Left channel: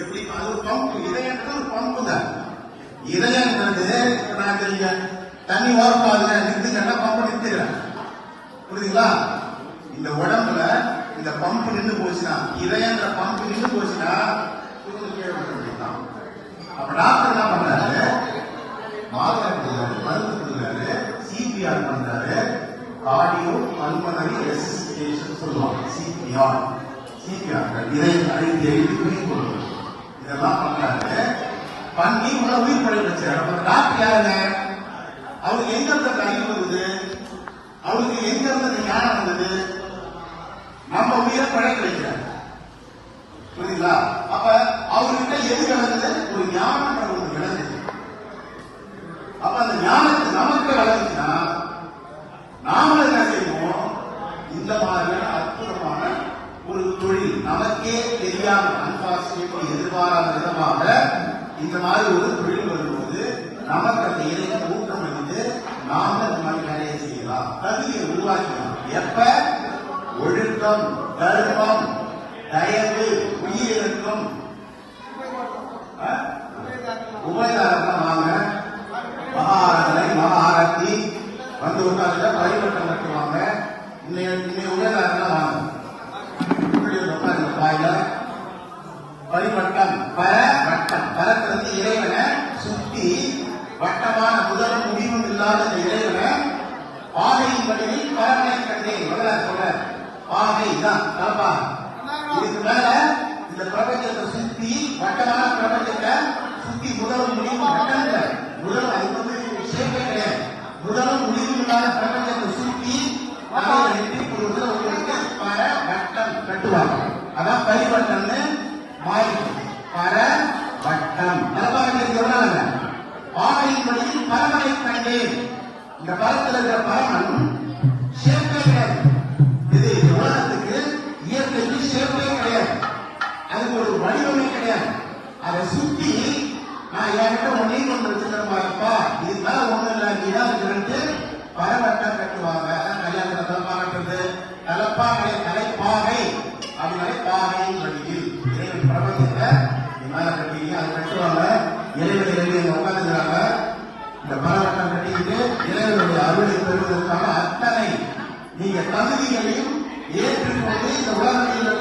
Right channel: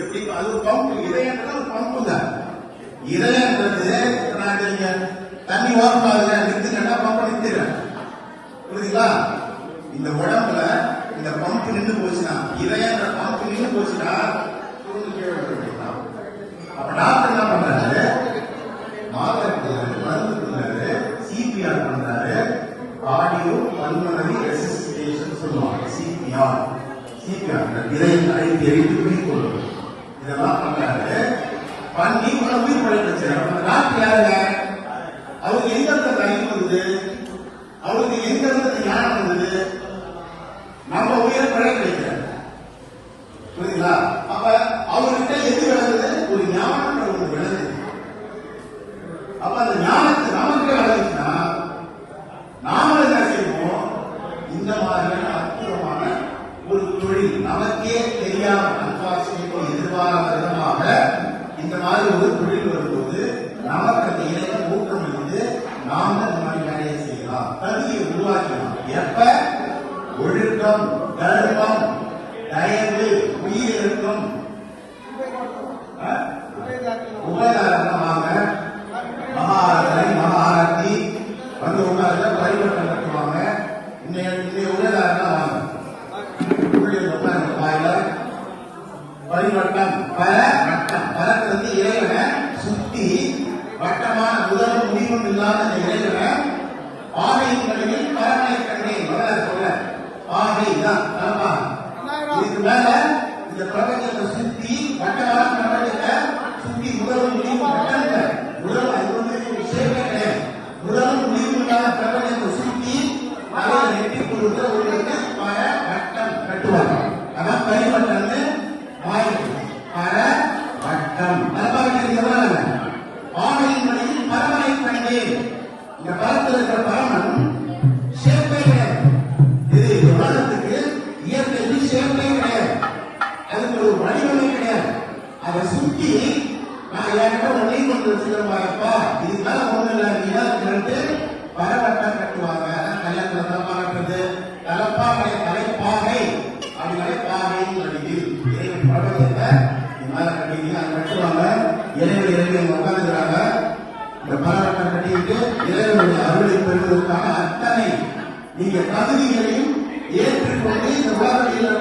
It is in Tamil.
எப்படி அது ஒரு பம்பு, இதயன்றது ஒரு பம்பு தான். இதயன்றது நீங்க தண்ணி ஓரமாக நிறுத்துங்கன்னா பம்பு நிறுத்திடுறேன், புரியுதுங்களா? இந்த உடம்புல இந்த பம்பு நின்று போச்சுன்னா, இதயம் இந்த பம்பு நின்று போச்சுன்னா டாக்டர் என்ன பண்றாரு? மருந்து கொடுக்குறாரு, சிபிஆர் பண்றாரு, ஆடியோ பல்மனரி ரெசிஸ்டேஷன் சொல்லுவாங்க. சிபிஆர் இதயம் அழைத்து மேற்கொள்வது இதெல்லாம் பண்றாரு. பண்ணி உயிர் டாக்டர் யாருங்க? அவருக்கு எங்க இருந்து அறிவு வருது? அவருக்கு எங்க இருந்து ஞானம் வருது? நம்ம உயிரை பழக வைக்கிறார், புரியுதுங்களா? அப்ப அவர்கிட்ட எது விளங்குது? ஒரு ஞானம் ஒன்று விளங்குது. அப்ப அந்த ஞானத்தை நமக்கு வளர்ந்துச்சுன்னா நாம என்ன செய்வோம்? இந்த மாதிரியான அற்புதமான ஒரு தொழில் நமக்கே தெரியாத அன்பாசியத்தை எதிர்பாராத விதமாக இந்த மாதிரி ஒரு தொழில் வரும்போது நமக்கு அந்த இணைய ஊக்கம் இருந்து நாம இந்த மாதிரி வேலையை செய்யலாம். கல்வியை உருவாக்கணும். எப்ப? ஒழுக்கம், கர்மம், தயவு, உயிரிழக்கும் உபகாரமாக மகாரதி வந்து உட்கார்ந்து பரிவட்டம் கட்டுவாங்க. இன்னைக்கு உபகாரம் பரிவட்டம் பரத்திலிருந்து இறைவனை சுத்தி வட்டமான முதலும் முடிவும் இல்லாத இந்த இறைவனை ஆகையின் வழியில் பரமனை கண்டேன் சொல்ற ஆகை தான் இதுக்கு மேல இந்த பிரபஞ்சத்தை சுத்தி வட்டமான பிரபஞ்சத்தை சுத்தி முதலும் முடிவும் முதல் அது வந்து விஷயமே கிடையாது. முதலும் முடிவு இல்லாத பிரபஞ்சத்தை சுத்தி அதை வெட்டி கொடுத்து உங்களுக்கு பர வட்டம் கட்டுவாங்க. அதான் பரிவட்டம்னு மாறிடும். பர வட்டம் ஆகையின் வழியில் பரமனை கண்டேன். இந்த பரத்தில் இருக்கிற பரமன் சேர்க்கை கிடையாது. இது உலகத்துக்கு இயற்கைக்கு சேர்க்கை கிடையாது. அதுக்கு ஒரு வழிமுறை கிடையாது. அதை சுற்றி நான் ஏற்கனவே ஒளி கொண்டு வச்சிருப்பாங்கப்பா, இதுக்காக ஒண்ணு இல்லாது பரவட்டம் கட்டுவாங்க. கல்யாணம் பார்க்கறது கலப்பா கலைப்பாகை அப்படின்னு பாகைன்னு சொல்லி பிரபஞ்சத்தை மேல கட்டிங்க அதை கட்டுவாங்க. இளைஞர்கள் உட்காந்துக்கிறாங்க. இந்த பரவட்டம் கட்டிக்கிட்டு இளைஞர்களுடைய அருளை பெறுவதற்காக அத்தனை நீங்க தகுதிகளையும் ஏற்றுக்கொண்டு இந்த உலகத்தில்